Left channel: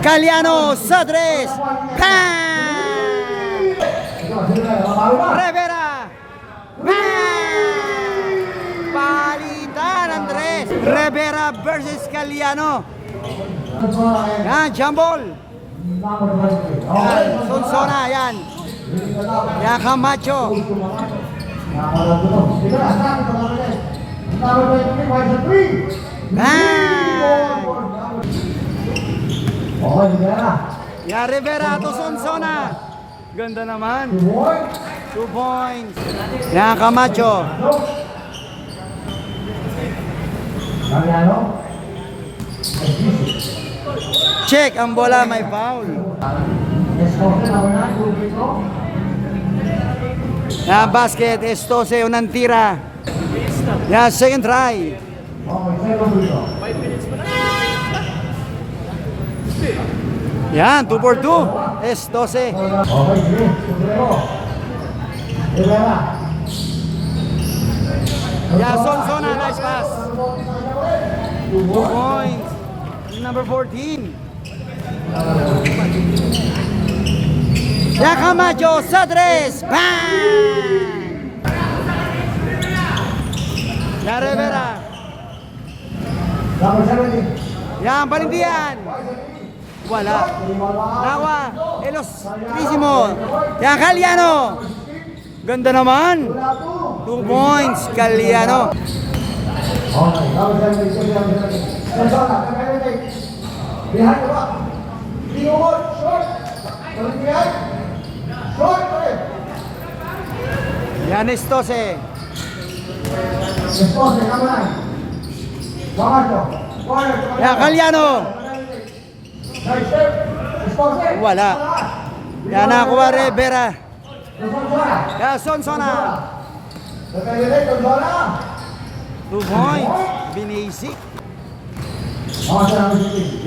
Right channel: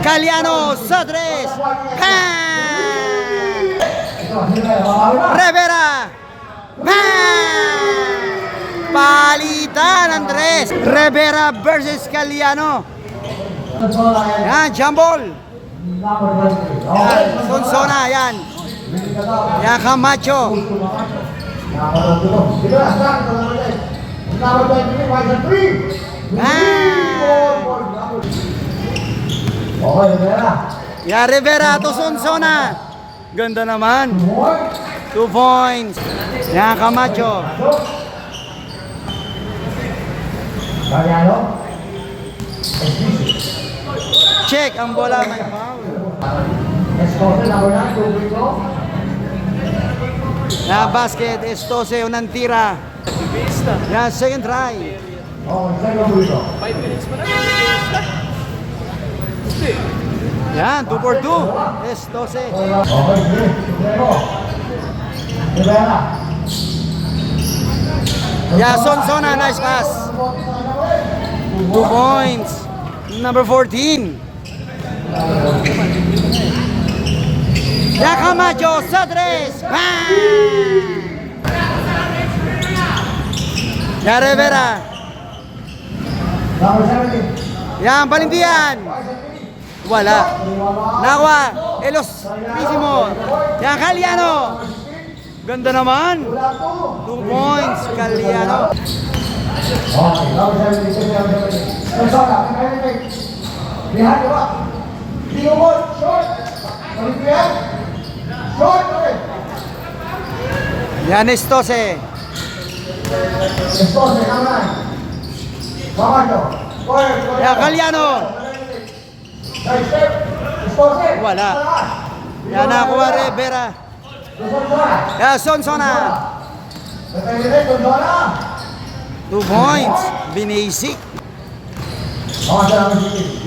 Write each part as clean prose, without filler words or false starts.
Caliano sa tres. Rivera. Palitan Andres. Rivera versus Caliano. Yan, jambol. Yan, Sonsona, yan. Yan, Camacho. Yan, Rivera to Sonsona. Ganda naman. 2 points. Yan, Camacho. Check ang bola, may foul. Yan, basket, Estose, unang tira. Yan, second try. Yan, 2 for 2. Estose. Yan, Sonsona, nice pass. 2 points. Number 14. Yan, Camacho sa tres. Bang! Yan, Rivera. Yan, Balindian. Wala. Nakuha. Ilustrísimo. Yan, Caliano. Ganda naman. 2 points, Caliano. Yan, Estose. Yan, Caliano. Wala. Yan, nakuha Rivera. Yan, Sonsona. 2 points. Binasic.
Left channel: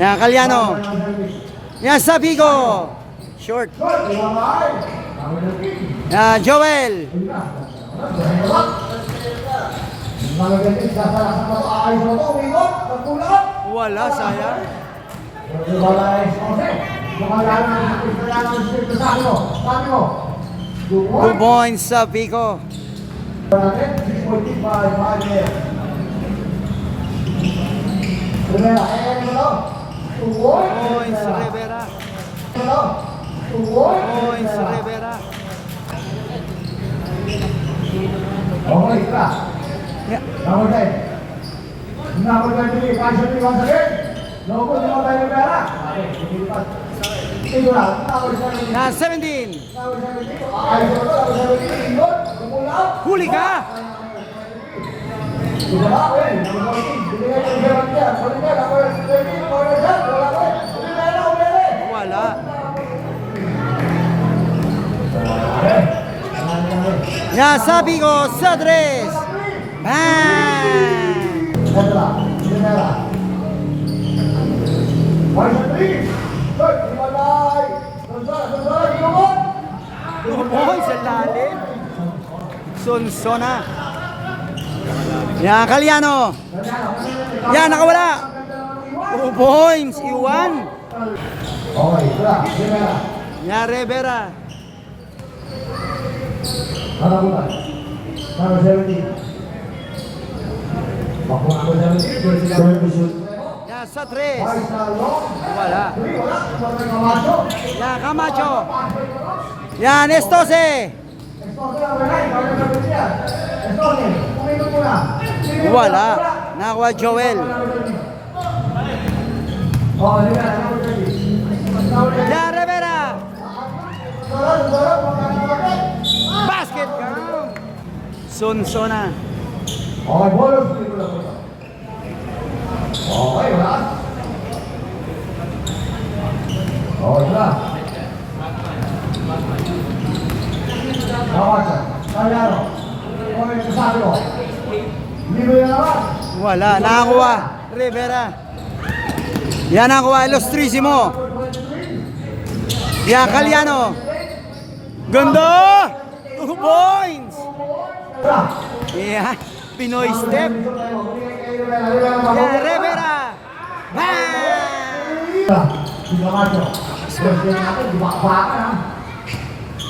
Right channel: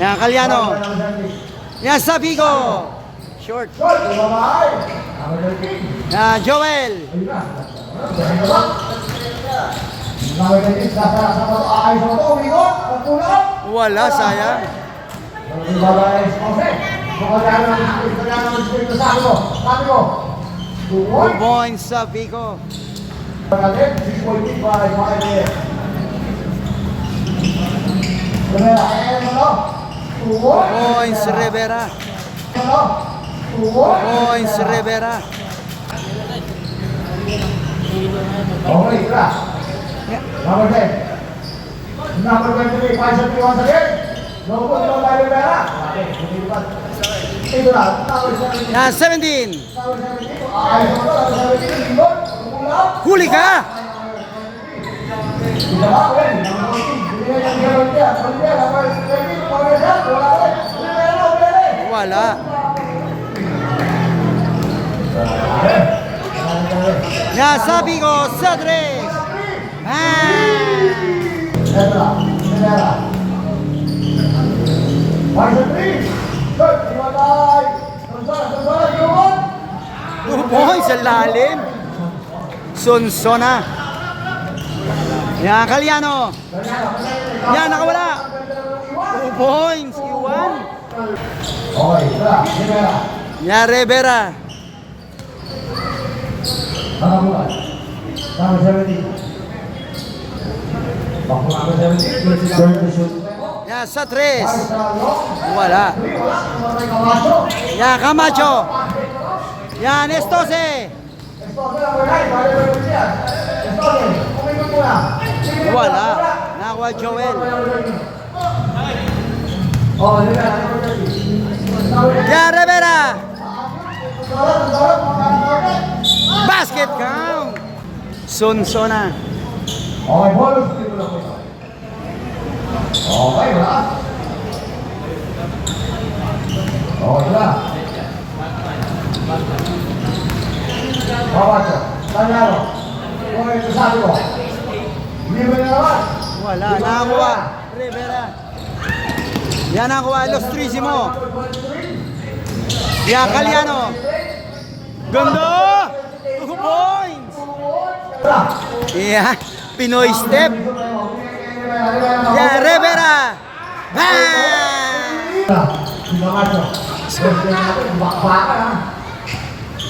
Yan, Caliano. Yan, Sabigo. Short. Yan, Joel. Wala, sayang. 2 points, Sabigo. 2 points, Rivera. 2 points, Rivera. Okay, number 10. Number 23, 5-3 once again. No good, no time, Rivera. Ito na, Yan, 17. Huli ka! Wala. Yan, sabi ko, sa tres. Boy, sa lalim. Sonsona. Yan, Caliano. Yan, nakawala. 2 points, iwan. Yan, Rivera. Yan, sa tres. Wala. Yan, Camacho. Yan, Estose. Wala. Nakuha Joel. Yan, Rivera. Basket count. Sonsona. Okay, bonus. Okay, wala. Okay, wala. Bawat siya. Tanyaro. Okay, kasabi ko. Libre na naman. Wala. Nakakuha. Rivera. Yan nakuha. Ilustrísimo. Yan, Caliano. Ganda! 2 points! Yeah, Pinoy step. Yeah, Rivera. Bang! Camacho. Pwede natin, baka ha.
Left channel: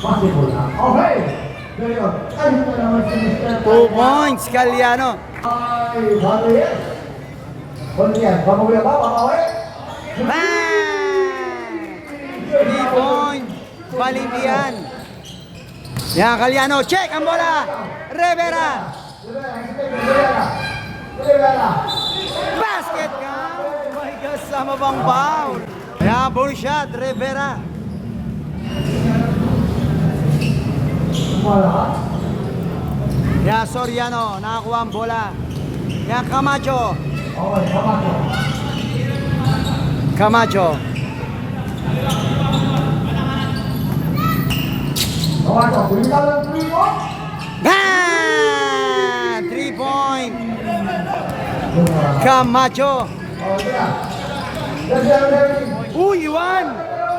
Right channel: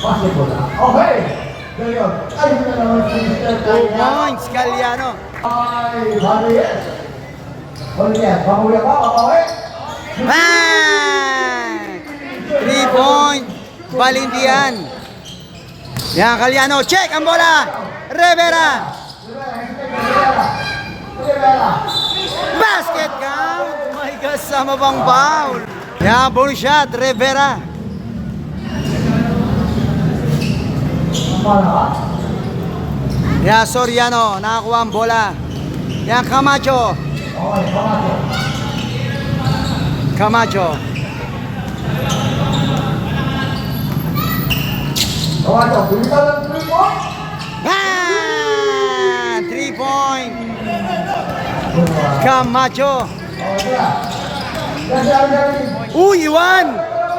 Basketball ha. Okay. There you go. Ay, na naman si Mr. 2 points, Caliano. Ay, sabi yes. Only yan. Bamuwi ako, bamuwi. Bang! 3 point, Balindian. Yan, Caliano. Check ang bola. Rivera. Basket count. May kasama bang foul. Yan, bonus shot, Rivera. Yan, Soriano. Nakakuha ang bola. Yan, Camacho. Okay, Camacho. Camacho. Camacho, bili ka ng 3 mo? Yan! 3 point. Camacho. Okay ah. Yes. Uy, Iwan!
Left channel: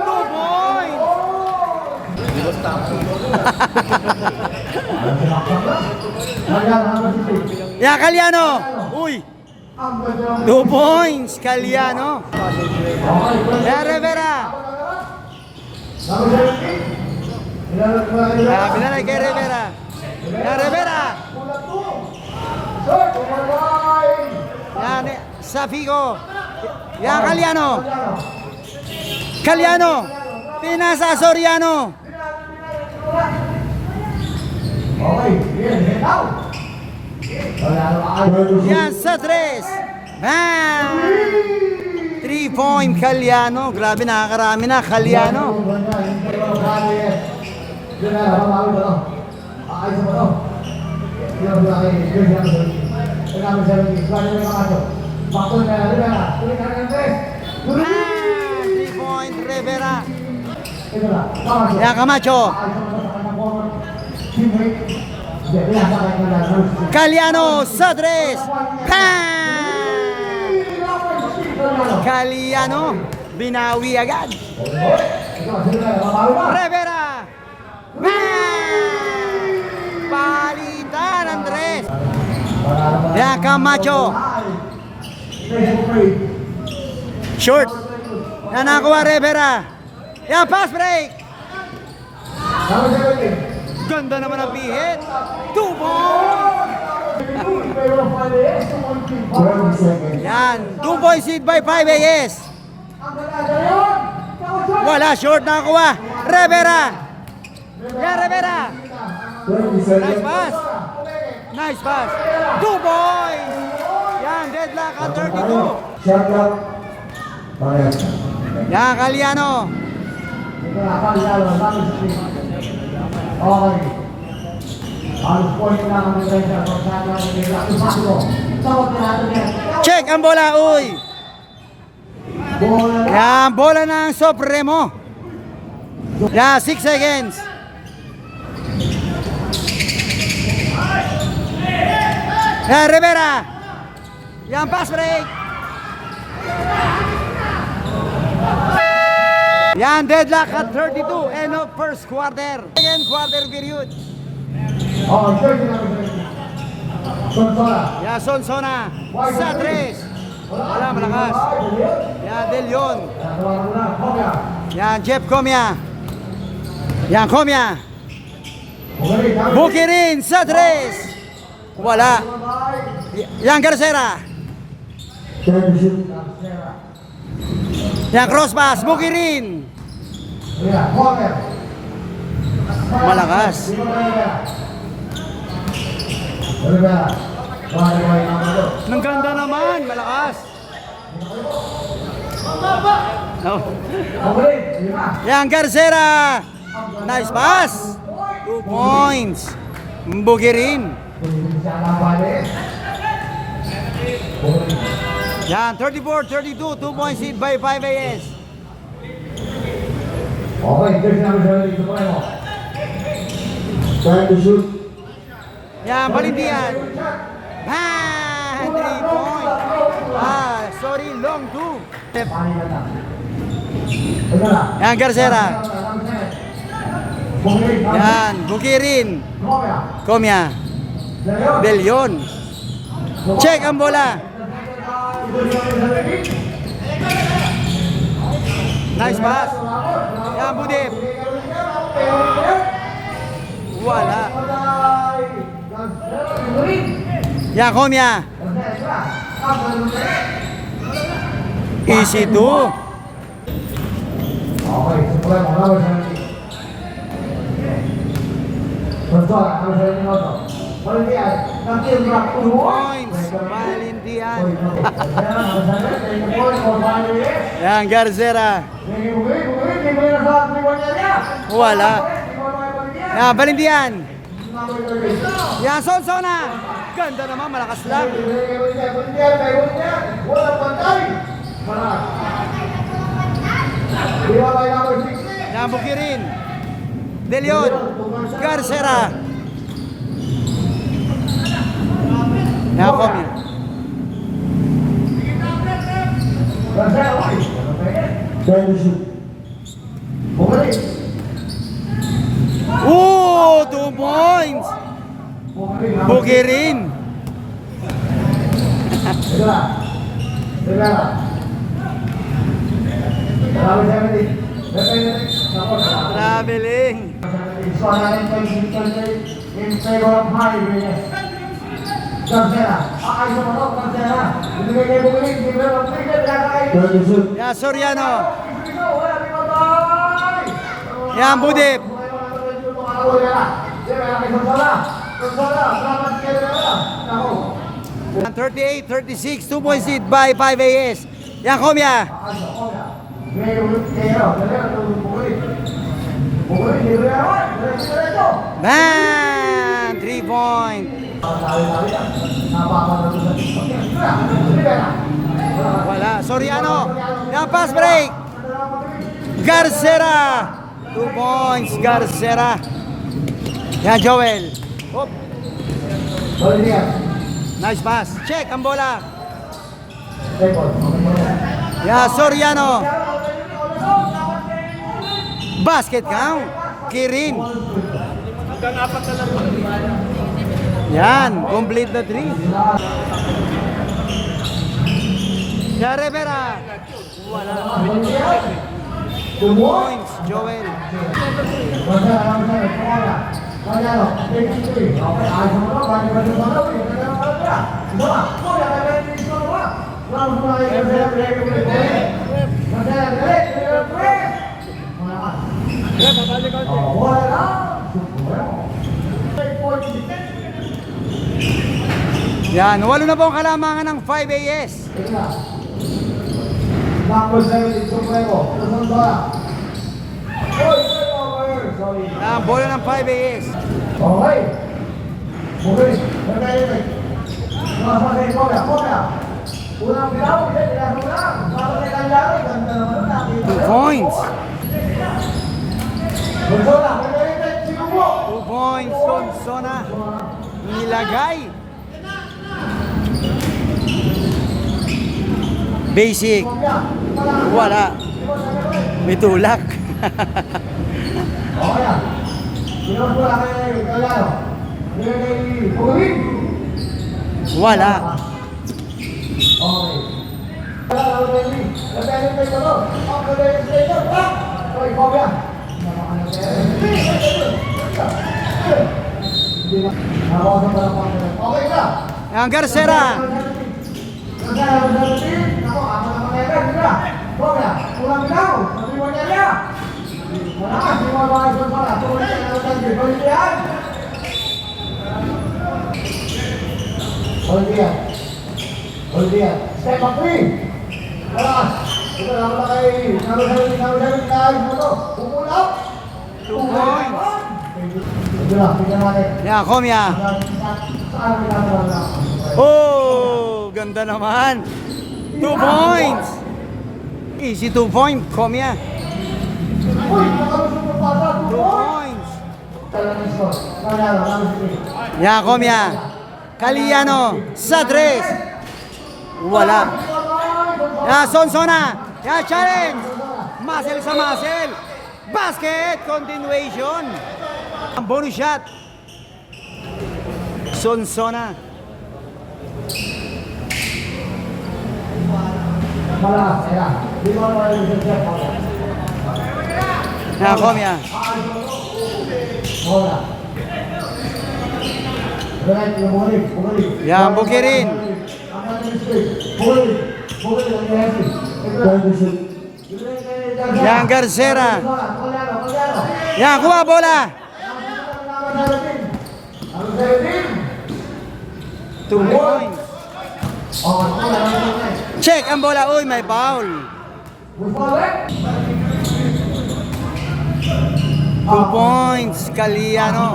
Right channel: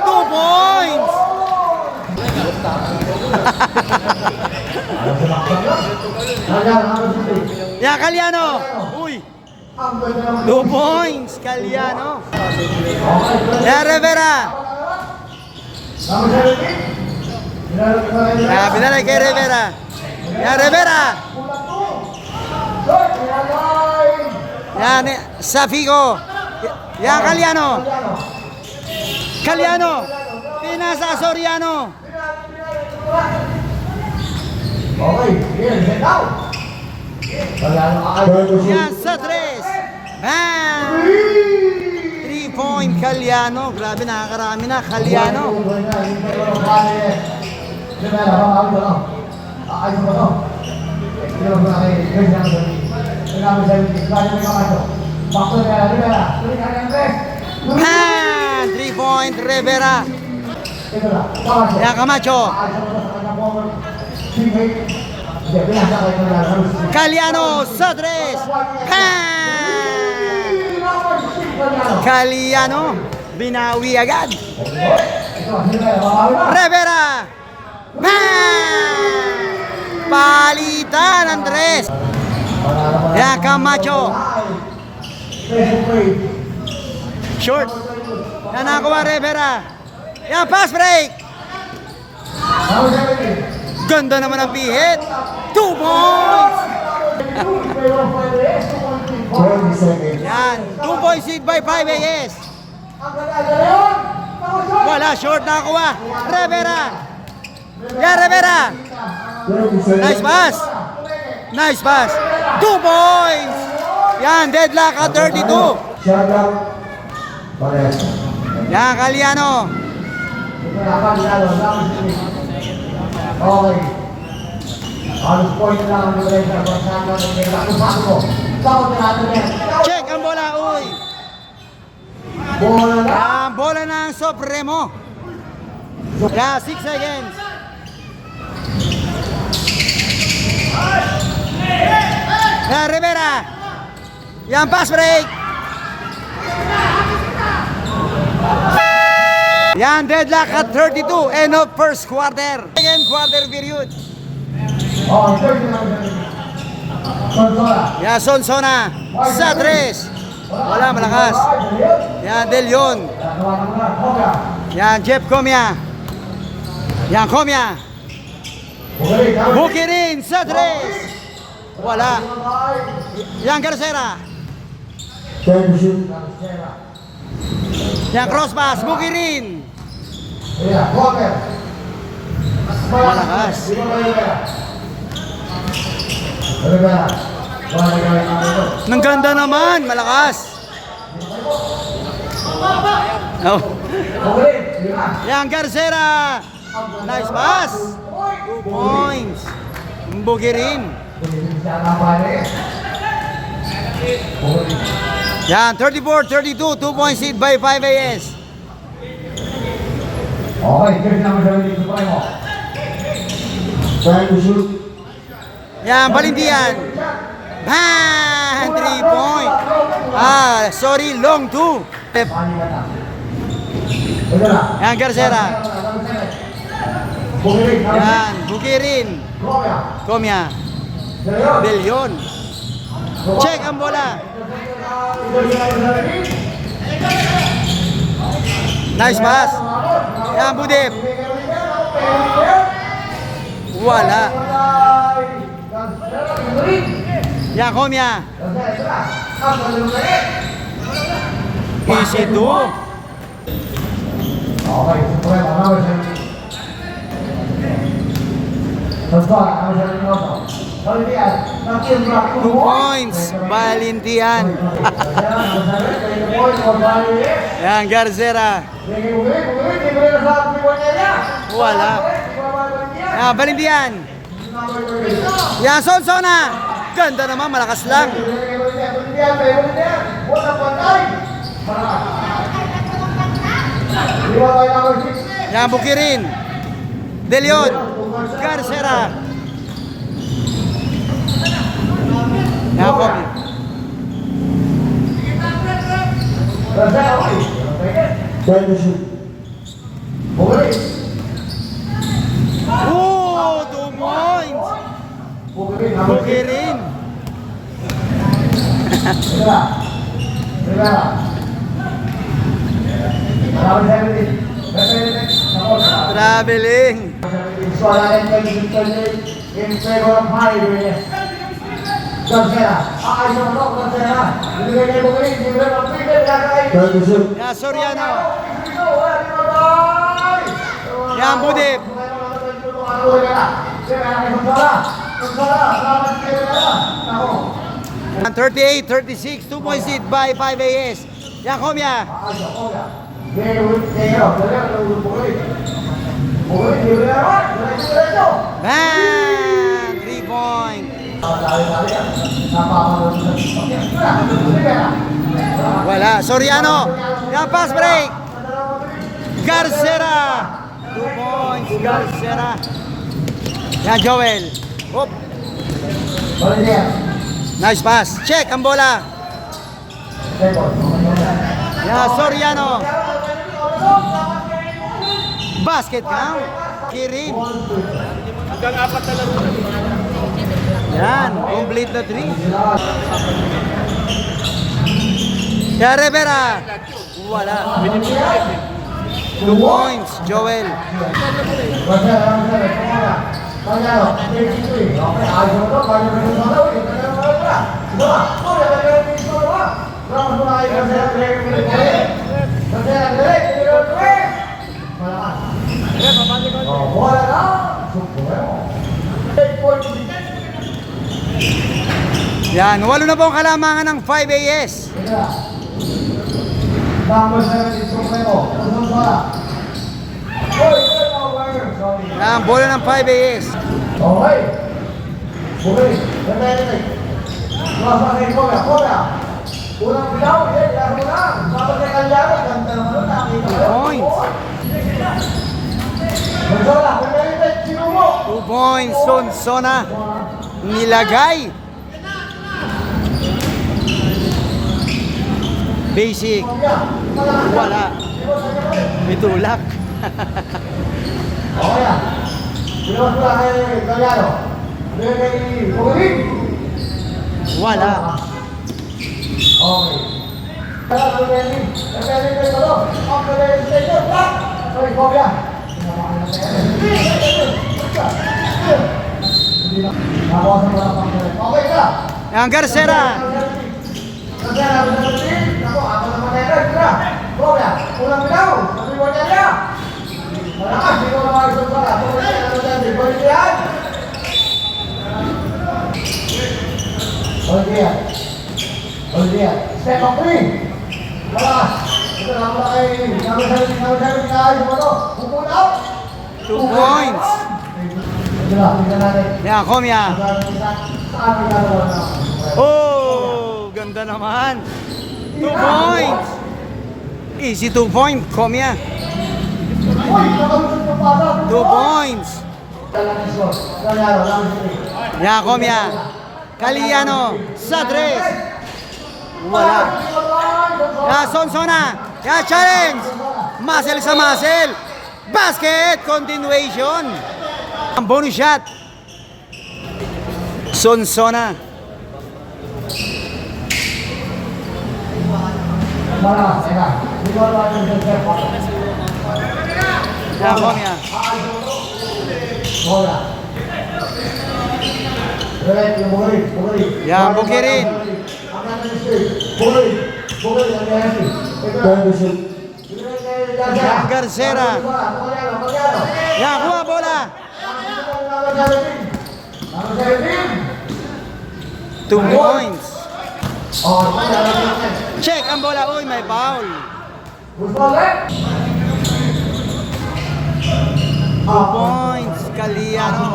2 points! Yan, Caliano. Uy, 2 points. Caliano. Yan, Rivera. Yan, binalay kay Rivera. Yan, Rivera. Yan, Safico. Yan, Caliano. Caliano. Tinasa Soriano. Okay, head down. Yan, sa 3. Bang! 3 point, Caliano. Grabe, nakakarami na, Caliano. Bang! 3 point, Rivera. Yan, Camacho. Caliano sa 3. Bang! Caliano, binawi agad. Rivera. Bang! Palitan ang 3. Yan, Camacho. Short. Yan, nakuha Rivera. Yan, pass break. Ganda naman ang pihit. 2 points. Yan, 2 points lead by 5 AS. Wala, short na kuha. Rivera. Yan, Rivera. Nice pass. Nice pass. 2 points. Yan, deadlock at 32. Yan, Caliano. Okay. Halos point lang ang diferensya kung saan ang sakto. Sakto natin yan. Check ang bola, uy. Bola na. Yan, bola ng Supremo. Yan, 6 seconds. Yan, Rivera. Yan, pass break. Yan, deadlock at 32. End of first quarter. Second quarter period. Oh, check na. Sonsola. Yan, Sonsona. Sa 3. Wala, malakas. Yan, De Leon. Yan, Jeff Comia. Yan, Comia. Bukirin sa 3. Wala. Yan, Garcera. Yan, cross pass. Bukirin. Malakas. Nang ganda naman, malakas. Oh. Yan, Garcera. Nice pass. 2 points. Bukirin. Yan, 34-32. 2 points lead by 5 AS. Okay, check na mo dito mo. Try to shoot. Yan, Balindian. Bang! 3 point. Sorry, long 2. Yan, Garcera. Yan, Bukirin. Comia. De Leon. Check ang bola. Nice pass. Yan, Budip. Wala. Yan, Komya. Easy to. Okay, susulit ang number 17. Susulit ang number 17 also. Valentian, nakin mula 2 points. Valentian. Yan, Garcera. Wala. Yan, Valentian. Yan, Sonsona. Ganda naman, malakas lang. Yan, Bukirin. De Leon. Garcera. Yan, Kobe. Oh, 2 points. Bukirin. Traveling. In favor of highway. Garcera, ayos mo ito, Garcera. Ibigay niya bumili, ibigay mo ito, Yan, Soriano. Yan, Budip. 38-36, 2 points lead by 5 AS. Yan, Komya. Man, 3 point. Wala, Soriano. Yan, pass break. Garcera. 2 points, Garcera. Yan, Joel. Hop. Nice pass. Check ang bola. Yan, Soriano. Basket kang Kirin. Yan, complete the 3. Yan, Rivera. Wala. 2 points, Joel. Yan, walo na po ang kalamangan ng 5 AS. Yan, bola ng 5 AS. Okay. Bumili. Bumili. Masakay ko ya. Unang bitaw, yan mo lang. Bawat kay Kalyano, ganda naman nakita. 2 points. Bonjola, bumili siguro. 2 points, Sonsona. Nilagay. Basic. Wala. May tulak. Okay yan. Sinuwas mo lang kay Kalyano. Bumili. Wala. Okay. Yan, Garcera. Step up three. Ito lang wala kay Umunaw. 2 points. Tingnan natin. Yan, Komya. Saan ginagawa na? Oh, ganda naman. 2 points. Easy 2 point, Komya. 2 points. Yan, Komya. Kalyano sa 3. Wala. Yan, Sonsona. Yan, challenge. Muscle sa muscle. Basket. Continuation. Ang bonus shot. Sonsona. Malas, ya. Di luar dari Yan, Komya. Bola. Right, yung Bukari. Yan, Bukirin. Ang natin straight. Bukari. Bukari, ang yasin. Turn to shoot. Yan, Garcera. Yan, kuha bola. 2 points. Check ang bola. Uy, may foul. 2 points. Caliano.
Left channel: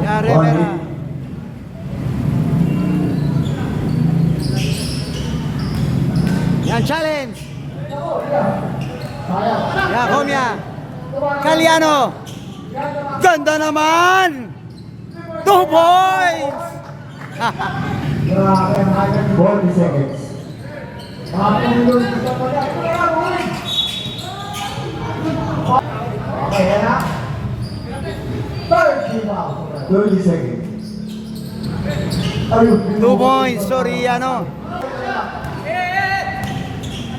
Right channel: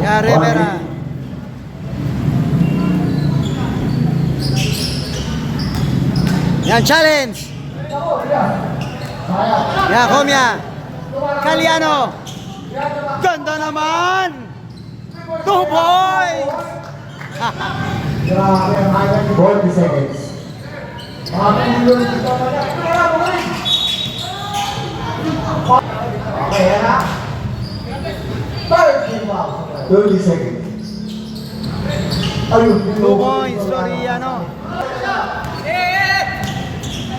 Yan, Rivera. Yan, challenge. Yan, Komya. Caliano. Ganda naman. 2 points. 40 seconds. Okay, yan na. 30 seconds. 2 points. Sorry, ano.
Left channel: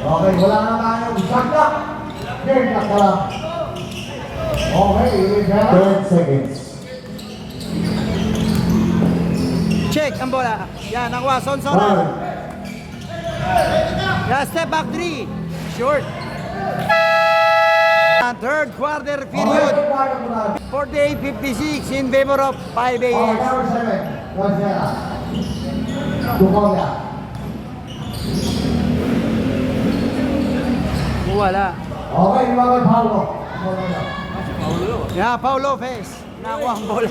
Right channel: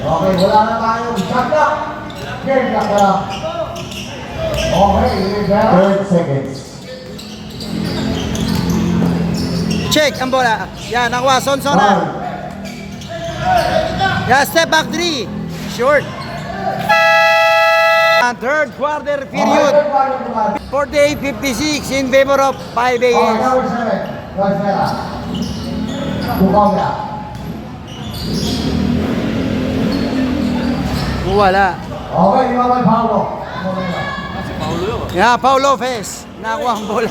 Okay, wala na tayong shot clock. Game clock na lang. Okay, 30 seconds. Check ang bola. Yan, nakuha. Sonsona. Yan, step back 3. Short. Third quarter period. 48-56 in favor of 5 Okay, AS. number 7. Garcera. Tukovia. Wala. Okay, Imawal Paulo. Yan, Paulo Lopez. Nakuha ang bola.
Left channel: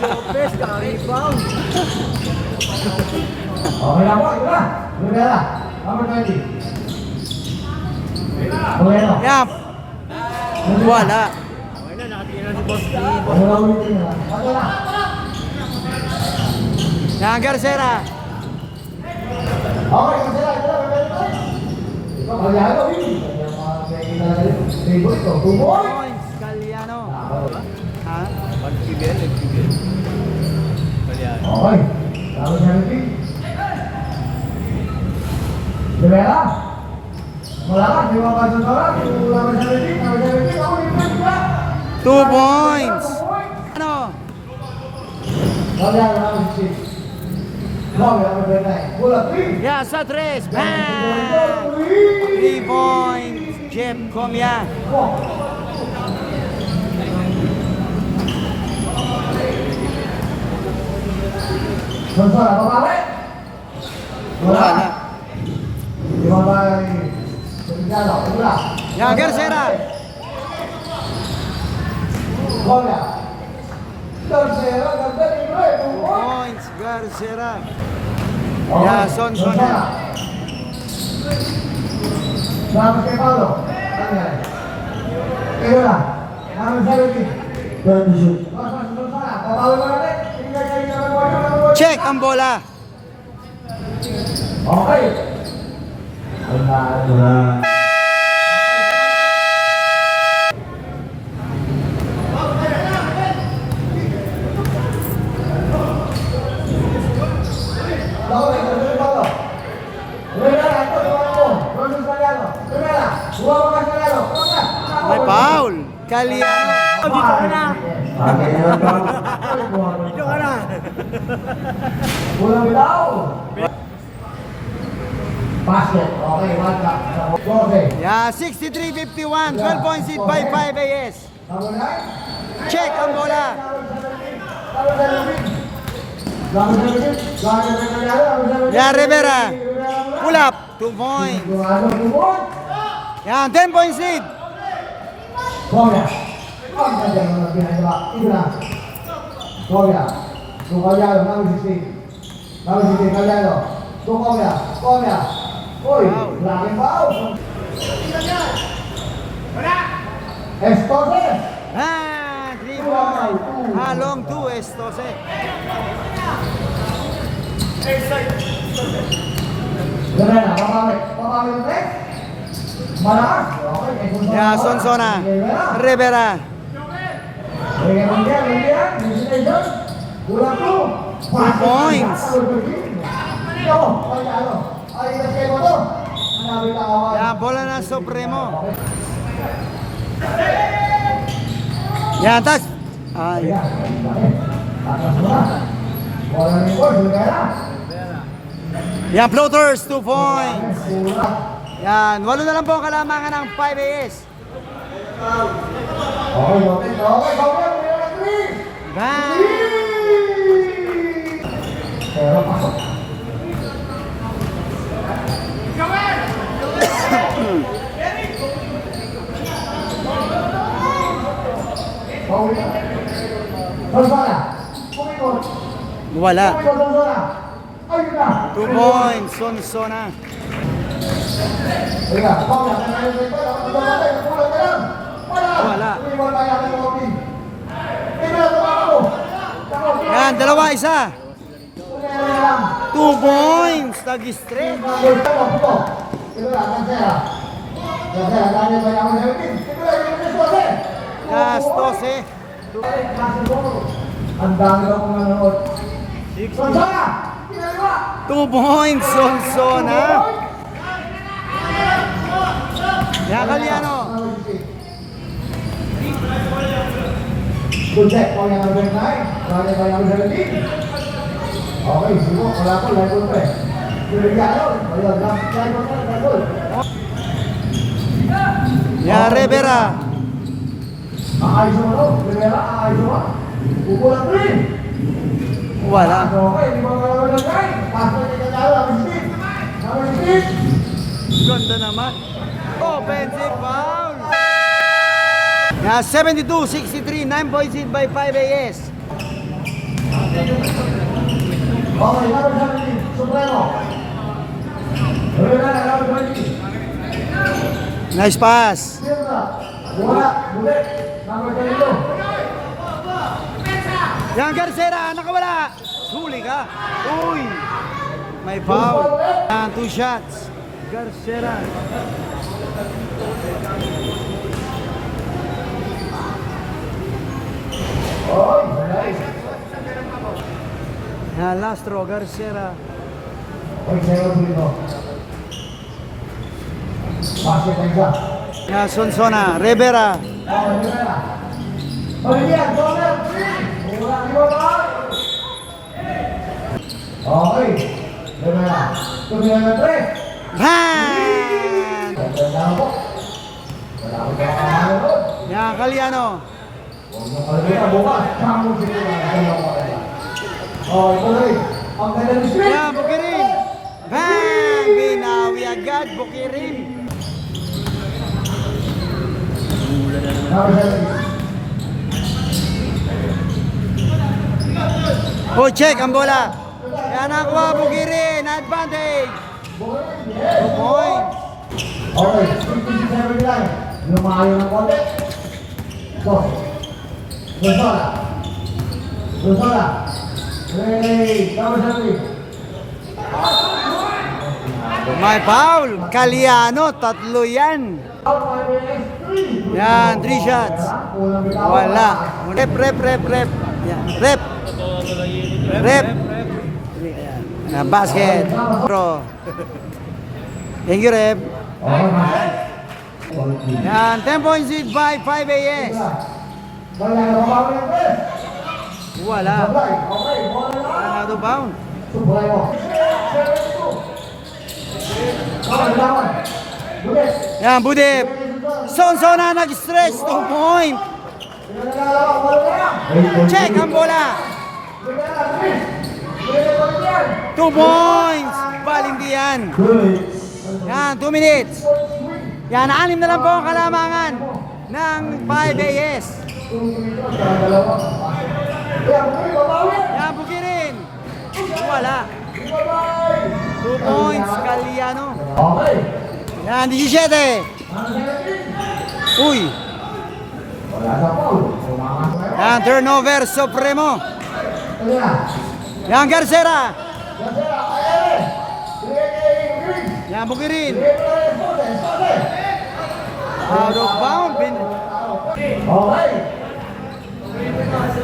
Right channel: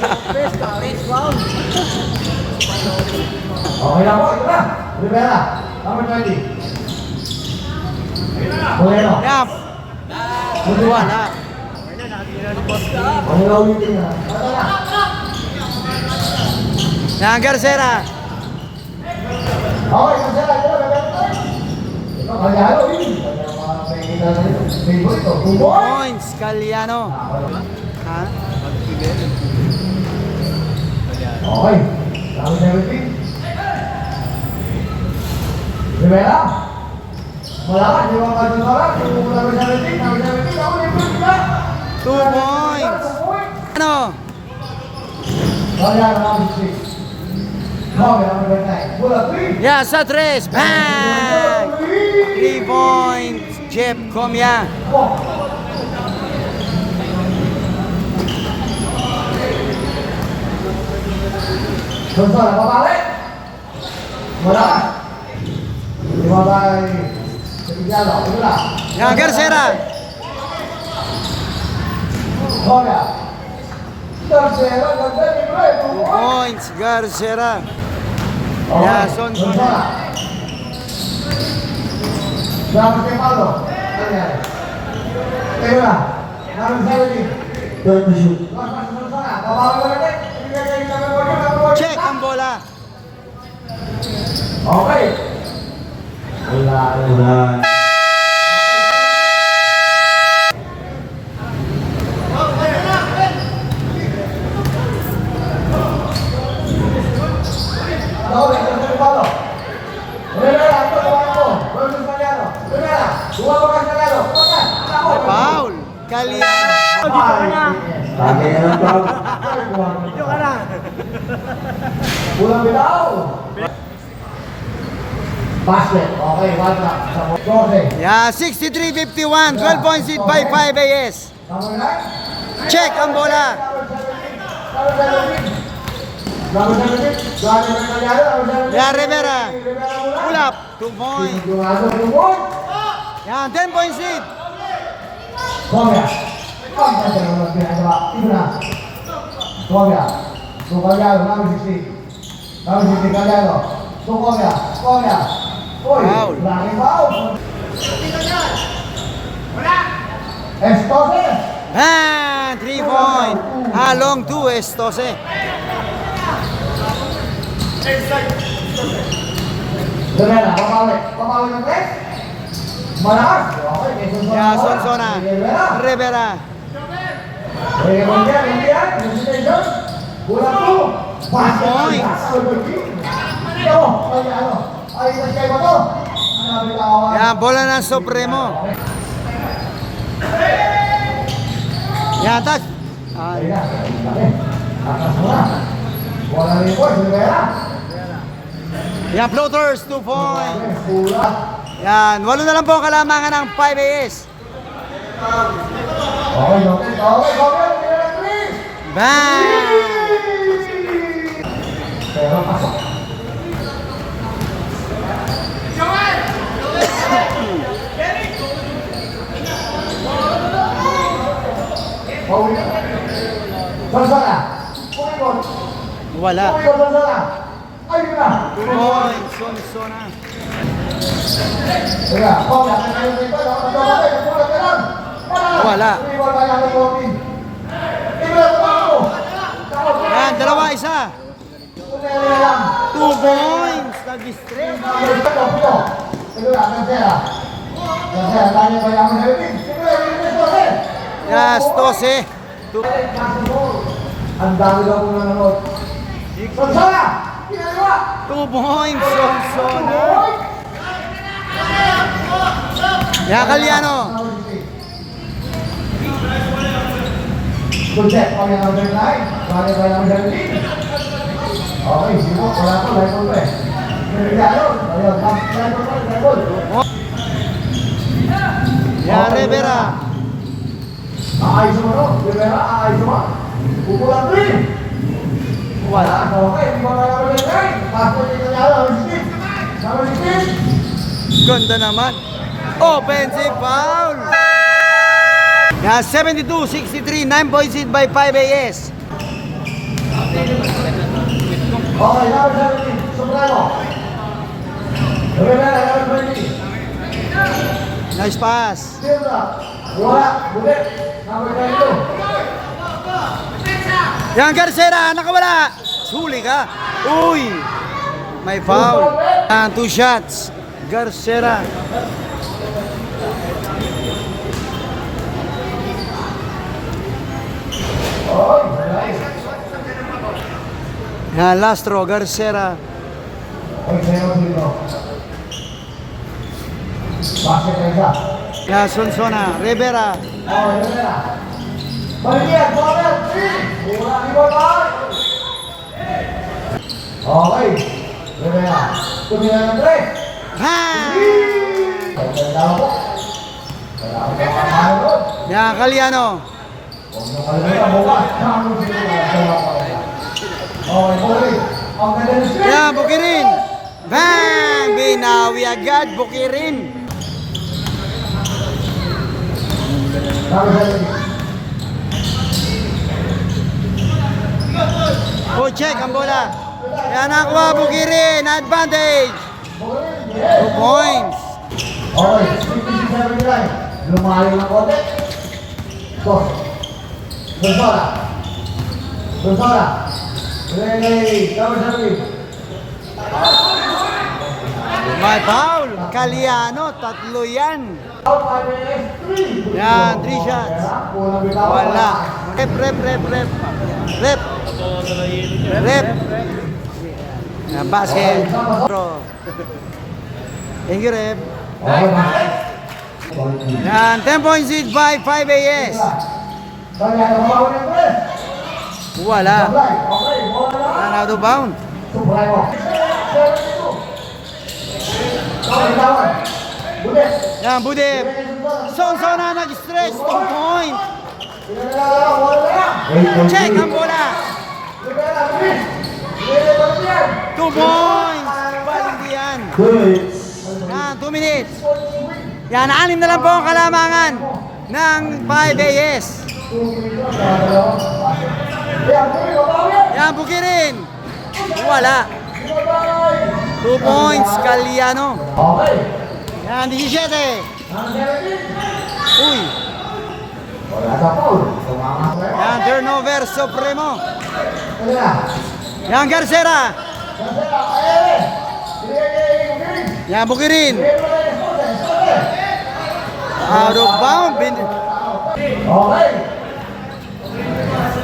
Okay na po, ito na. Rivera. Number 20. Bueno. Yan. Wala. Wala ulitin na. Ito na. Yan, Garcera. Okay, Garcera. Ito na. Ito, Caliano. May goal ito. 2 points. Points, Caliano. Ha? Okay. Number 17. Rivera. Wala ka, di mga kadun sa lang. Number 17. Number 17. Ako yung first na. 2 points. Ano? Caliano, number 16. Okay, number 29. Bola 3. Yan, sa 3. Bang! 3 points. Jeff Komya. Gonzalo, papalik. Wala. Di ba ba Sebiglalo? Wala. Yan, Garcera. Bola. Garcera, ganda ni Bray. 2 points, Garcera. Yeah, Sonsona. Dapat kay Paulo. Ano yan? Teka na. Naman sa ulit. Turn to shoot. Sonsona. Papalo mo natin. Check ang bola. Okay. Wala. May foul. Caliano. Dito ka na. Pulang bitaw. Basket. Okay, one cup. Okay. Yeah, 63-51. 12 points lead by 5 AS. Number 9. Check ang bola. Yeah, Rivera. Pull up. 2 points. Yan, 10 points lead. Komia. Komia jangan lebih ginagawa. Ito na. Komia. Tukalyano, number 16. Number 16, Kalyano. Komia. Komia. Uy, Foul. laging foul. Estose. Ah, 3 point. Ah, long 2, Estose. Rivera, papawi. Papawi yung test. Malakas. Okay, kay Sonsona. Yeah, Sonsona. Rivera. Oye, mundial. Destination. Kulang 2. Points. Ito mo, Kalyano. Ay, kasi kayo ba ito? Ang nabitawa. Yeah, Yan, bola ng Supremo. Yan, tas. Ayan, laki. Atas mo na. Wala rin po, Silvera. Yan, floaters, 2 points. Pula. Yan, 8 na lang po ang kalamangan ng 5 AS. Okay, okay, okay, okay. Bang! Pero pasok. Pauli ka. Gonzala. Pumikot. Wala. Pumikot, Gonzala. Ayun na. 2 points, Sonsona. Teka, Paula, kaya dito. Pulang ka lang. Wala. Pumikot tayo ng walking. Tingnan sa mga mo. Yan, 2, 1. 2 points, nag-straight. Yes, 12. Ang dami lang kung nanonood. Gonzala! Ginagawa! 2 points, Sonsona. Yan, Kalyano. Good check, pang yung number 9. Bakit ba yung number 17? Okay, sigo. Wala ko, like all pre. Pinagano. Ayun, like all. Yan, Rivera. Aayos mo no? Rivera, aayos mo. Pupulang 3. Wala. Okay, hindi mo na yung number 9. Pasok yung nangyari, number 16. Number 16. Ganda naman. Offensive foul. Yan, 72-63. 9 points hit by 5 AS. Okay, number 17. Supremo. Rivera, number 20. Nice pass. Silva. Wala. Bulit. Number 22. Yan, Garcera, nakawala. Huli ka. Uy. May foul. 2 shots. Garcera. Oh, nice. Yan, Lastro, Garcera. Excelente, Silva. Basket na isa. Yan, Sonsona, Rivera. Okay, Rivera. Balikan, corner 3. Wala, iwan tayo. Okay. Rivera. Tumira ng 3. Yan. Pagkanda po. Wala ko sa kamano doon. Yan, Kalyano. Huwag nyo kalimutan bukas. Kano sila na. Okay, tuloy. Ang ganda ng screen. Yan, Bukirin. Bang! Binawi agad, Bukirin. Number 17. Oh, check ang bola. Yan, nakuha, Bukirin. Advantage. 2 points. Okay, 56-79. Lumayo ng konti. Sos. Gonzala. Gonzala. Ready. Number 17. May foul. Kalyano, 3 yan. Out 5 minutes, 3. Yan, 3 shots. Kulang bitaw. Wala. Rep. Yan, rep. Rep. Yan, basket. Bro. Thank you, rep. Okay, man. Yan, 10 points hit by 5 AS. Kaya nababaw ng press. Wala. Sablay. Okay, bola lang. Yan, out of bound. Sublay mo. 72. Okay, lawan. Bulis. Yan, Budip. Sonsona nag-stretch, 2 point. Check ang bola. 2 points. Balindi yan. Yan, 2 minutes. Yan, 6 na lang po ang kalamangan ng 5 AS. Yan, Bukirin. Wala. 2 points, Kalyano. Okay. Yan, 17. Uy. Wala na po. Tumakas na yun. Yan, turnover, Supremo. Ano na? Yan, Garcera. Ganda, kaya rin. Binigay kay Green. Yan, Bukirin. Binigay ko na yung student. Out of bound. Okay.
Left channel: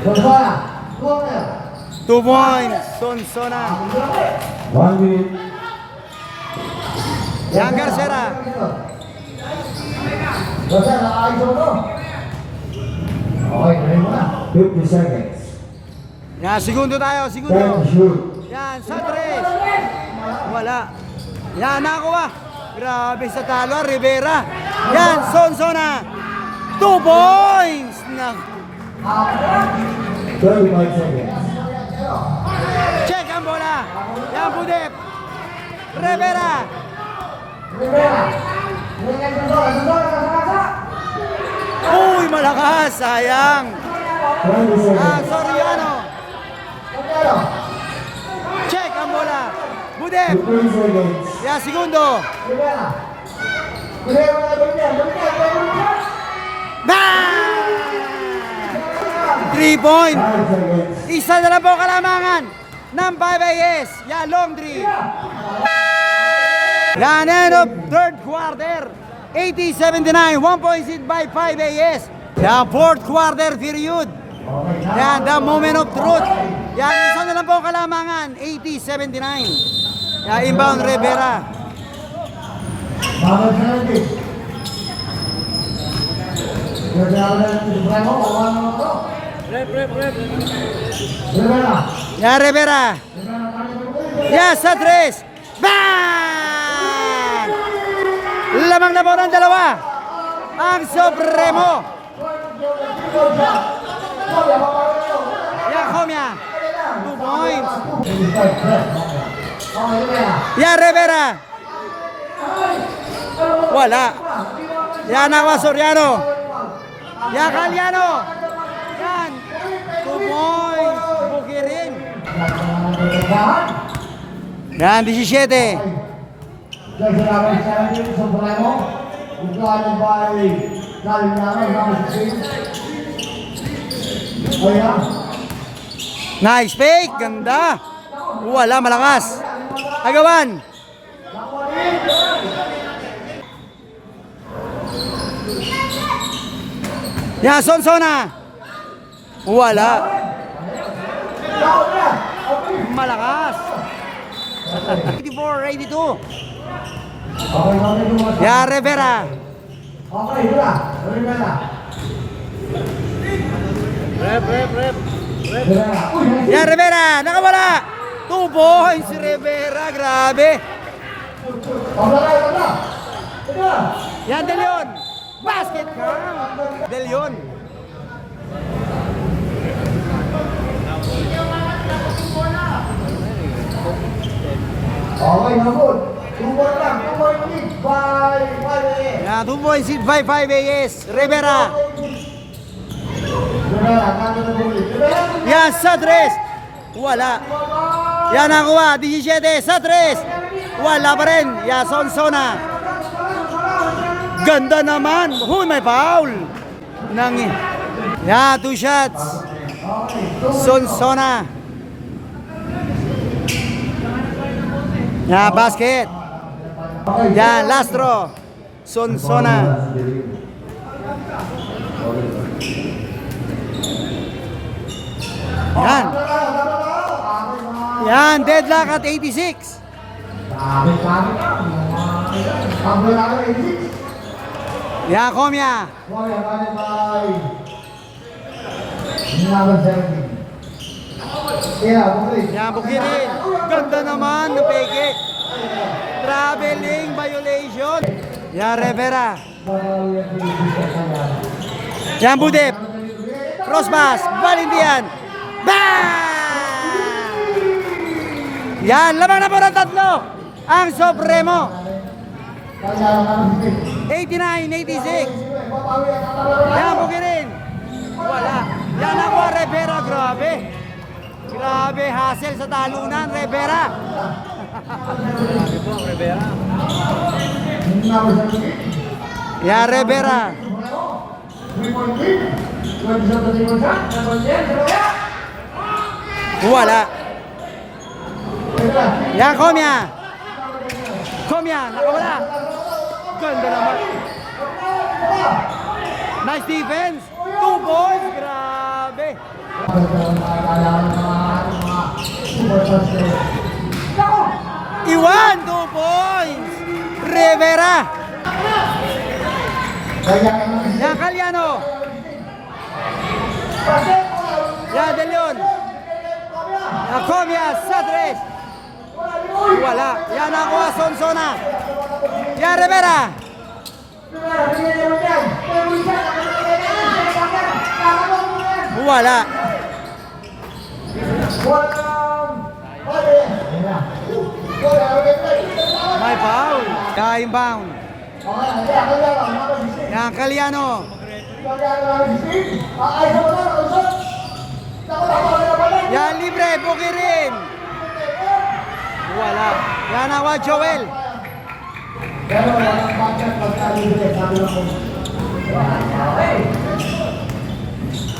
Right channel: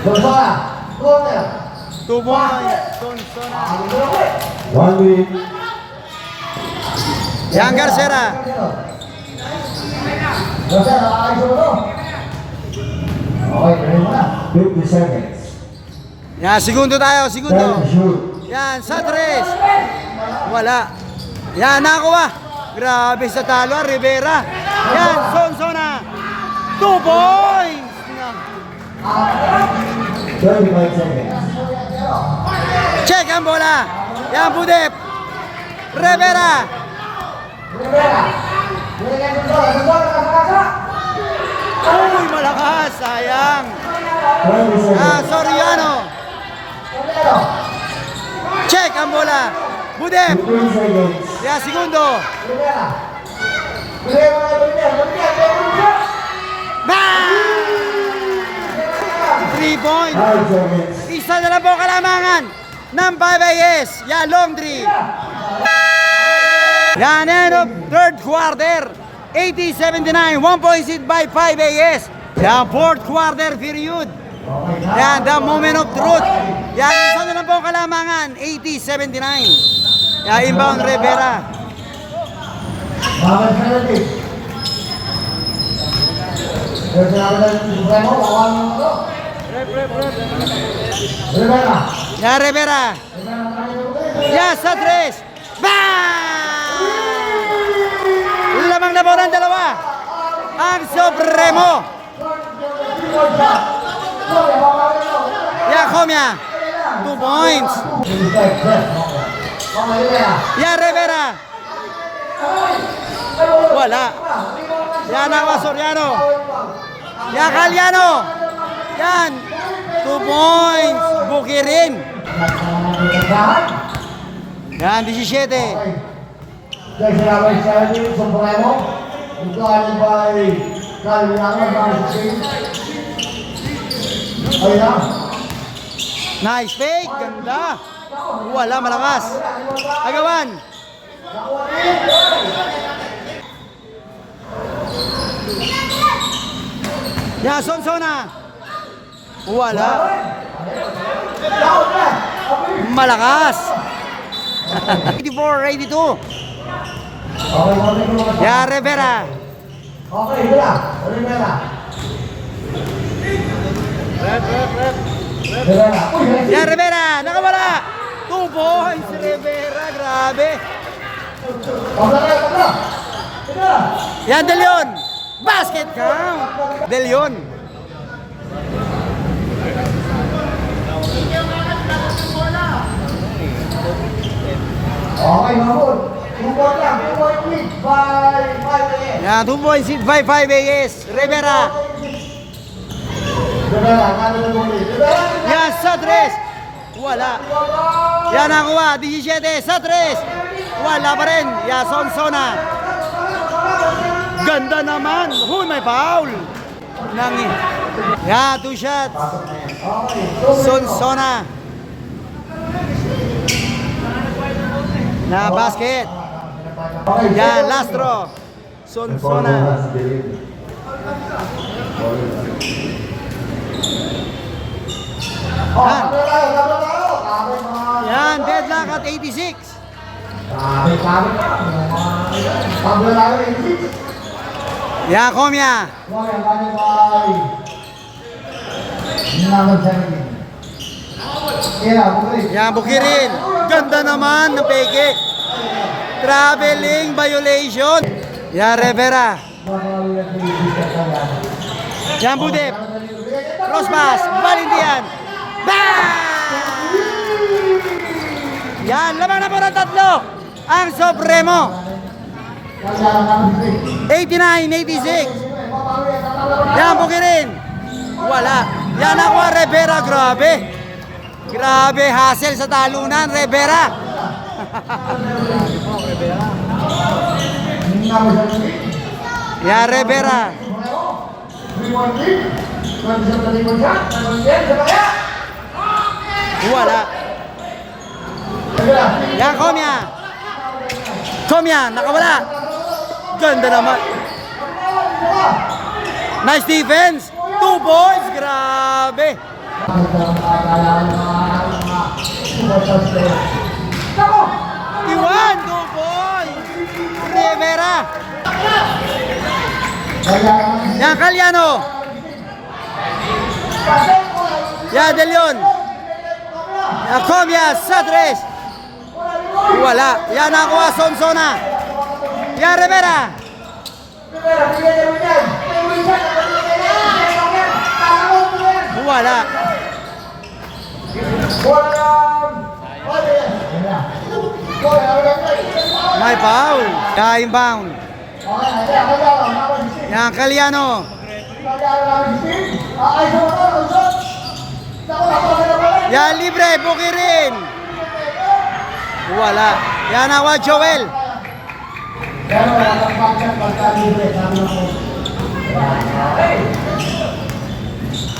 Gonzala. Corner. 2 points, Sonsona. One minute. Yan, Garcera. Basta, nakaayos mo to. Okay, gawin mo na. 50 seconds. Yan, segundo tayo, segundo. Then shoot. Yan, sa tres. Wala. Yan, nakakuha. Grabe sa talo, Rivera. Yan, Sonsona. 2 points. 25 seconds. Check ang bola. Yan, Budep. Rivera. Rivera. Rivera, Sonsona. Uy, malakas. Sayang. 20 seconds. Soriano. Check ang bola. Budep. 15 seconds. Yan, segundo. Rivera. Rivera, Rivera. Bang! 3 points. 5 seconds. Isa na lang po kalamangan ng 5AS. Yan, long 3. Yan, end of third quarter. 80-79. 1 point seed by 5AS. Yan, fourth quarter period. Okay, na. Yan, the moment of truth. Yan, isa na lang po kalamangan. 80-79. Yan, inbound Rivera. Bawal penalty. There's another Supremo. Bawal mo ako. Rivera. Yan, Rivera. Yan, sa tres. Bang! Lamang na po ng dalawa. Ang Supremo. Yan, Comia. 2 points. Yan, Rivera. Wala. Yan ang Soriano. Yan, Caliano. Yan. 2 points. Bukirin. Yan, 17. There's another 70 Supremo. Declined by Caliano. Okay na. Nice fake. Ganda. Wala, malakas. Agawan. Yan, Sonsona. Wala. Malakas. 84-82. Okay, okay. Yan, Rivera. Okay, Rivera. Rivera. Rivera. Yan, Rivera. Nakawala. 2 points, Rivera. Grabe. Tabla kayo, tabla. Rivera. Yan, De Leon. Basket count. De Leon. Okay, Mahmoud. 2 point lang. 2 point lead by 5 Yan, 2 points hit by 5AS. Rivera. Rivera, kano na bumili. Rivera. Yan, sa tres. Wala. Yan, nakuha. 17 sa tres. Wala pa rin. Yan, Sonsona. Ganda naman. May foul. Yan, 2 shots. Sonsona. Yan, basket. Yan, last draw. Sonsona. Yan. Yan, deadlock at 86. Yan, Comia. Yan, Bukirin. Ganda naman ng peke. Traveling violation. Yan, Rivera. Yan, Budep. Crosspass. Valendian. Bang! Yan, lamang na po ng tatlo. Ang Supremo. 89-86. Yan, Bukirin. Wala. Yan ako, Rivera. Grabe. Grabe, hassle sa talunan, Rivera. Yan, Rivera. Wala. Yan, Comia. Comia, nakawala. Ganda naman. Nice defense. 2 points. Grabe. Iwan, 2 points. Rivera. Yan, Caliano. Yan, De Leon. Yan, Comia, sa 3. Wala. Yan, nakuha, Sonsona. Yan, Rivera. Wala. May foul. Ka-inbound. Yan, Caliano. Yan, libre. Bukirin. Wala. Yan, nakuha, Joel.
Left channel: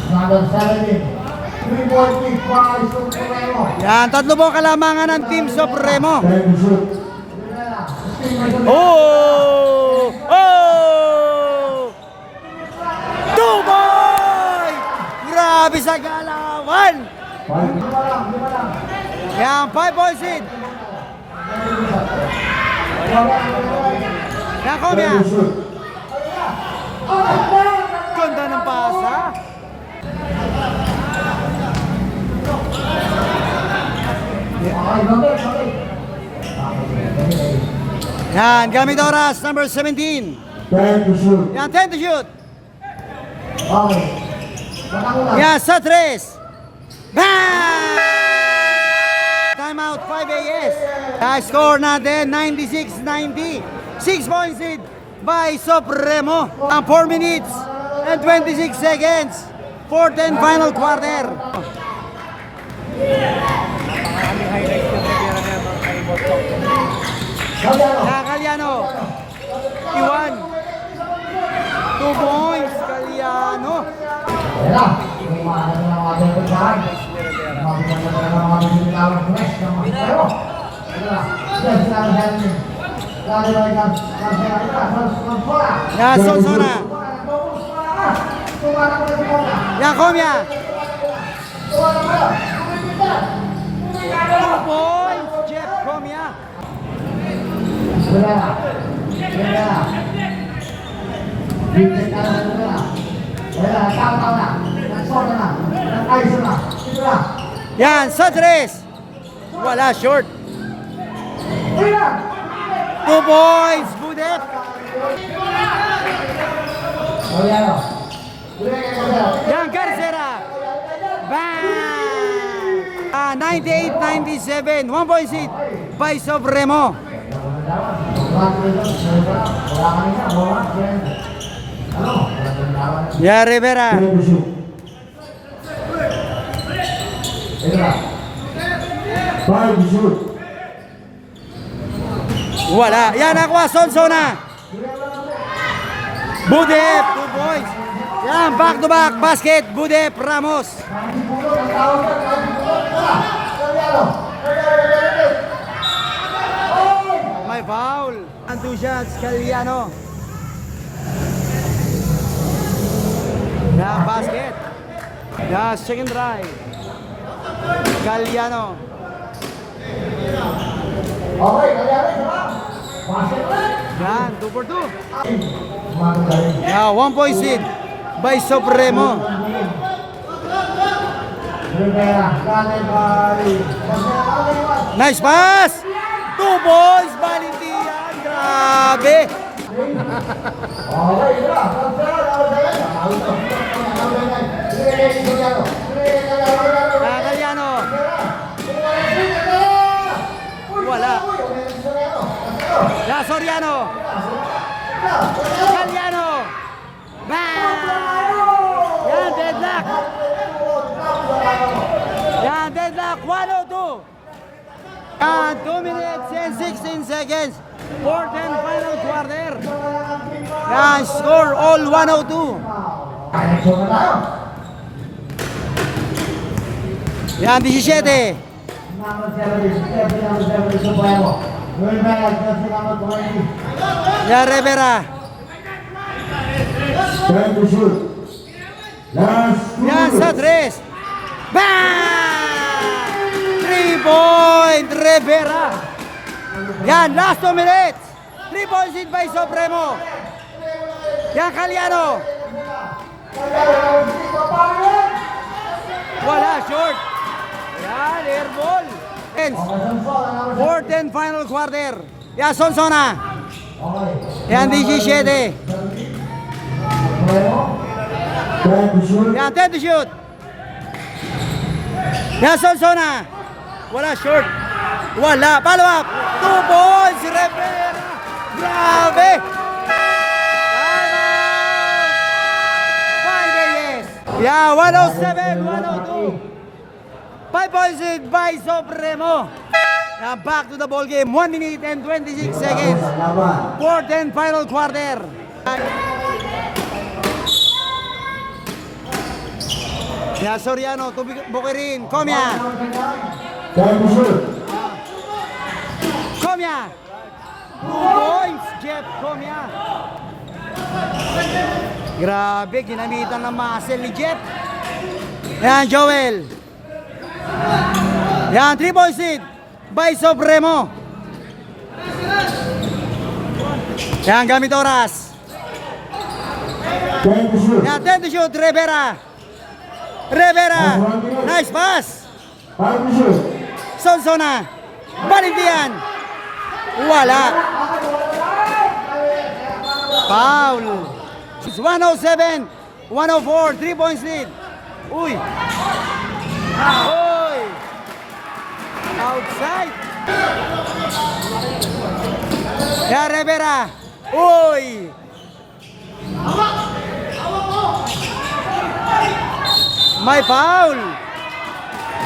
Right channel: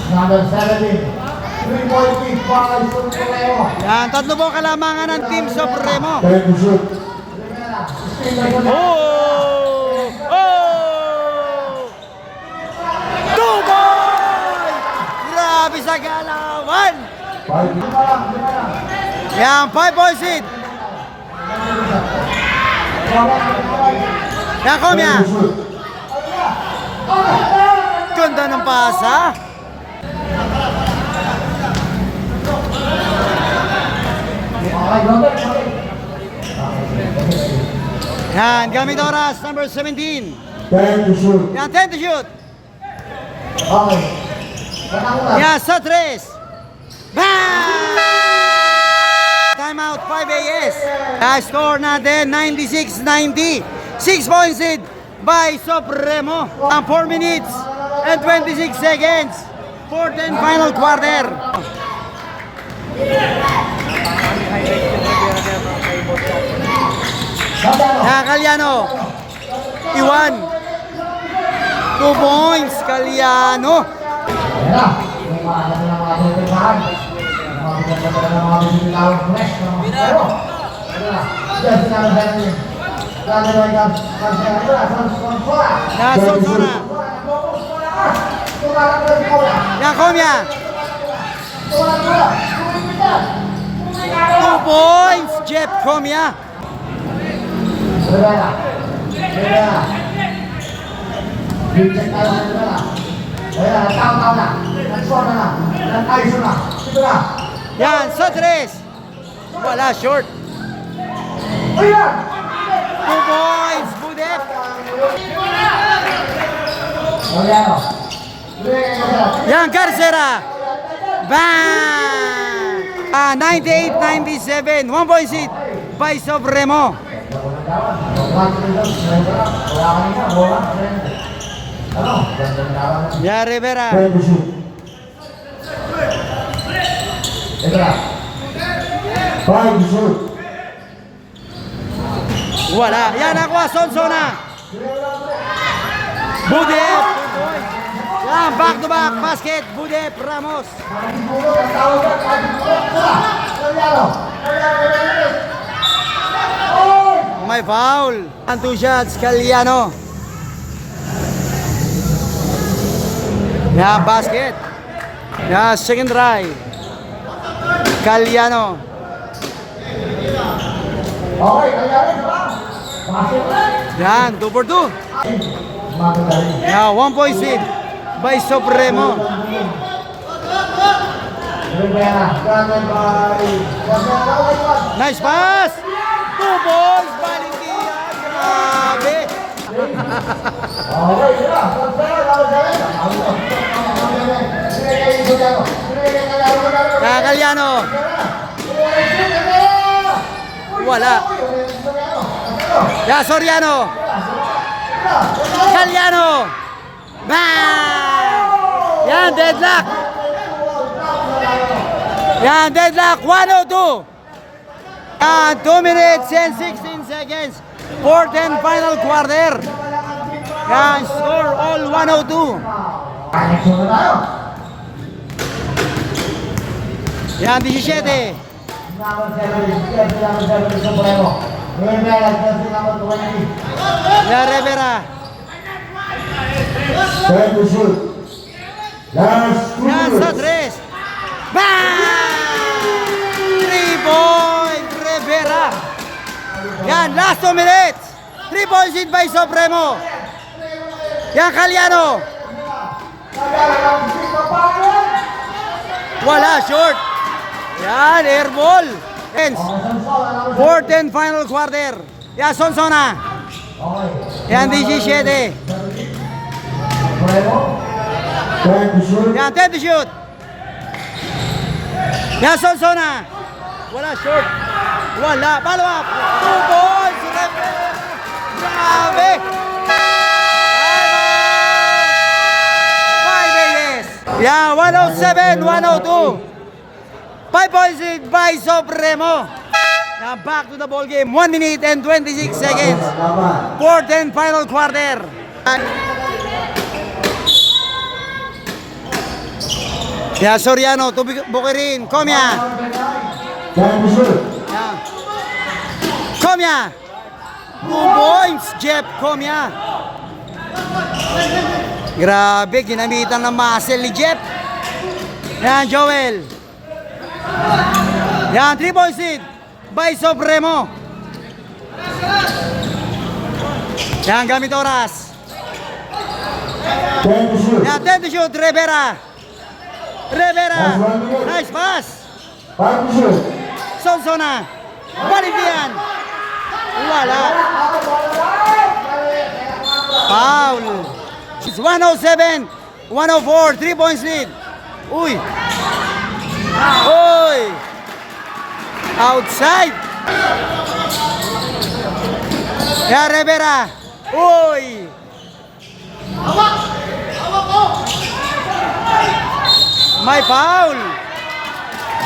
Number 17. 3-point lead by Supremo. Yan, tatlo po kalamangan ng Team Supremo. Ready to shoot. Oh! Oh! 2 points! Grabe sa galawan! Yan, 5 points lead. Yan, Comia. Ganda ng pasa. Yan, gamit oras, number 17. 10 to shoot. Yan, 10 to shoot. Okay. Yan, sa 3. Bang! Timeout, 5 AS. Score natin, 96-90. 6 points lead by Supremo. Ang 4 minutes and 26 seconds. Fourth and final quarter. Yan, Caliano. Iwan. 2 points, Caliano. Ayan na. Kung maalam na mga ating pagkahan. Magaganda na ng mga bisitawang fresh ng mga pero. Ayan na. Diyan sinabi sa atin. Sabi na ikaw. Sabi na ikaw. Sonsona. Yan, Sonsona. Yan, Comia. 2 points, Jeff Comia. Rivera. Rivera. Reject tayo sa Rivera. Rivera, tama na. Nagsona na. Nag-iso na. Ito na. Yan, sa 3. Wala, short. Ayan! 2 points, Budek. Oriano. Yan, Garcera. Bang! 98-97. 1 point seat by Supremo. Ya, Rivera. Wala. Yan, nakuha, Sonsona. Budep. 2 points. Yan, back to back basket. Budep, Ramos. May foul. And 2 shots, Caliano. Yan, basket. Yan, second try. Caliano. Yan, 2 for 2. Yan, 1 point seed by Supremo. Nice pass! 2 balls, Valentin. Grabe! Caliano. Wala. Ya, Soriano. Caliano. Bang! Yan, deadlock. Yan, deadlock. 102. 2 minutes and 16 seconds. Fourth and final quarter. Yan, score all 102. Yan, 17. Ya, Rivera. Yan, sa 3. Bang! 3 point, Rivera. Yan, last 2 minutes. 3 points hit by Supremo. Yan, Caliano. Wala, short. Yan, air ball. Fourth and final quarter. Yan, Sonsona. Yan, 17. Yan, 10 to shoot. Yan, Sonsona. Wala, short. Wala, follow up. 2 balls. Grabe. 5 aces. Yeah, 107, 102. 5 points lead by Supremo. Now back to the ball game. 1 minute and 26 seconds. Fourth and final quarter. Yeah, Soriano to Bukirin. Komya. Yeah. Komya. 2 points, Jeff Komya. Grabe, ginamitan ng muscle ni Jeff. Yan, Joel. Yan, 3 points lead by Supremo. Yan, gamit oras. Yan, 10 to shoot, Rivera. Rivera. Nice pass. Sonsona. Baligyan. Wala. Foul. It's 107, 104, 3 points lead. Uy. Uy. Outside. Ya, Rivera. Uy. May foul.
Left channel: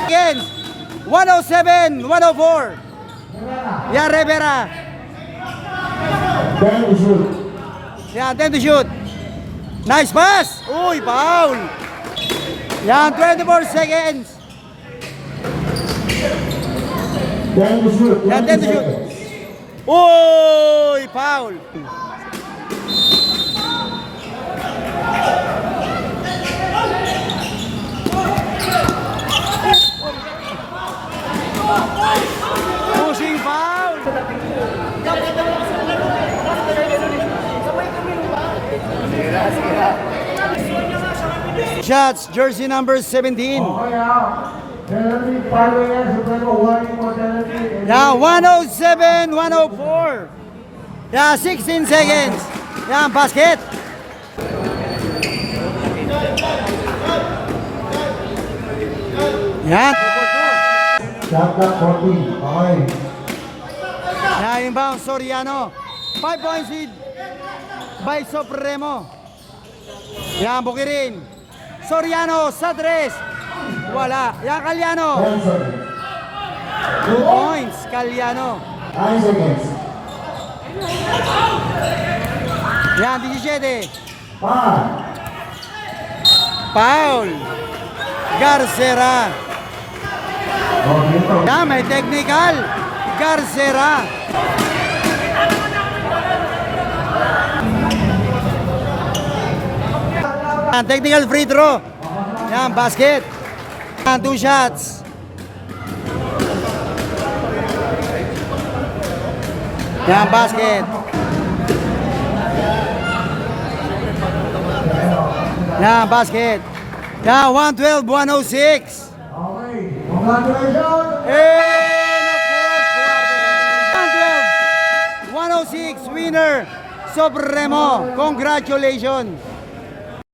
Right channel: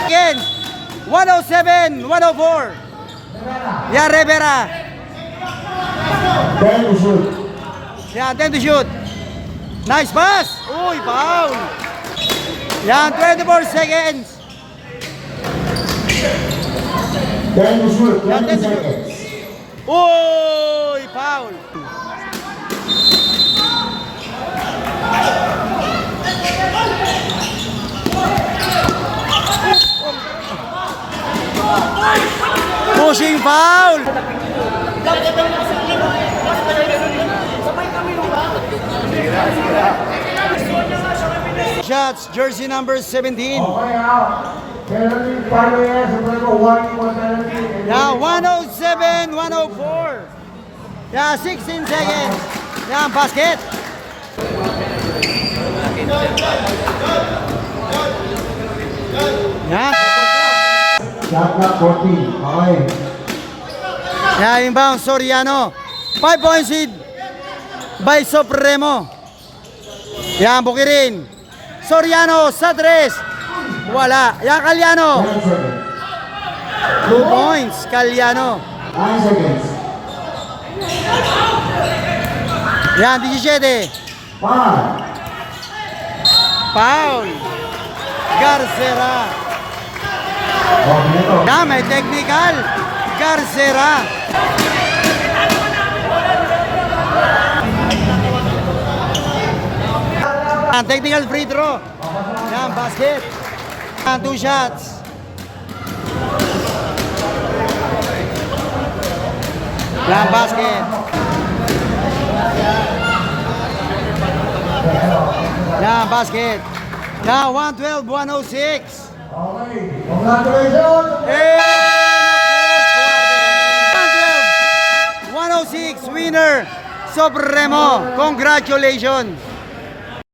Again. 107, 104. Ya, Rivera. Yan, 10 to shoot. Nice pass. Uy, foul. Yan, 24 seconds. Yan, 10 to shoot. Uy, foul. Pushing foul. Shots, jersey number 17. Yeah, 107, 104. Yeah, 16 seconds. Yeah, basket. Yeah. Yeah, inbound, Soriano. 5 points lead by Supremo. Yan, Bukirin. Soriano sa 3. Wala. Yan, Caliano. 2 points, Caliano. Yan, 17. Foul. Garcera. Yan, may technical. Garcera. Technical free throw. Yan, basket. 2 shots. Yan, basket. Yan, basket. Yan, 112, 106. Congratulations! And 112, 106, winner, Supremo. Congratulations.